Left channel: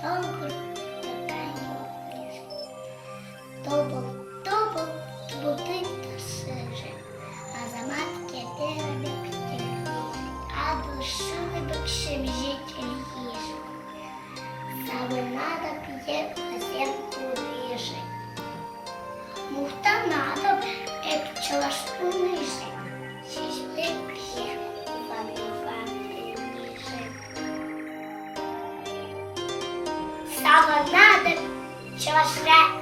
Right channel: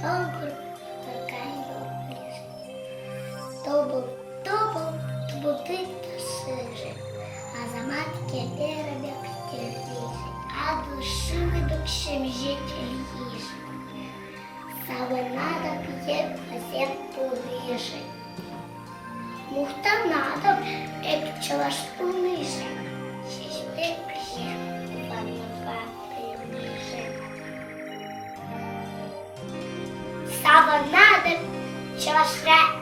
чонгур, викаю лижить. Тобол, будить та сижить, а за матки перебіг лежить, а душили б чим житель їжить. Саме надо п'є газету ріжить. Мухта надо, як пчела шпунижить, чи ж п'є, ванувати ніжить. Саме надо, пчела шре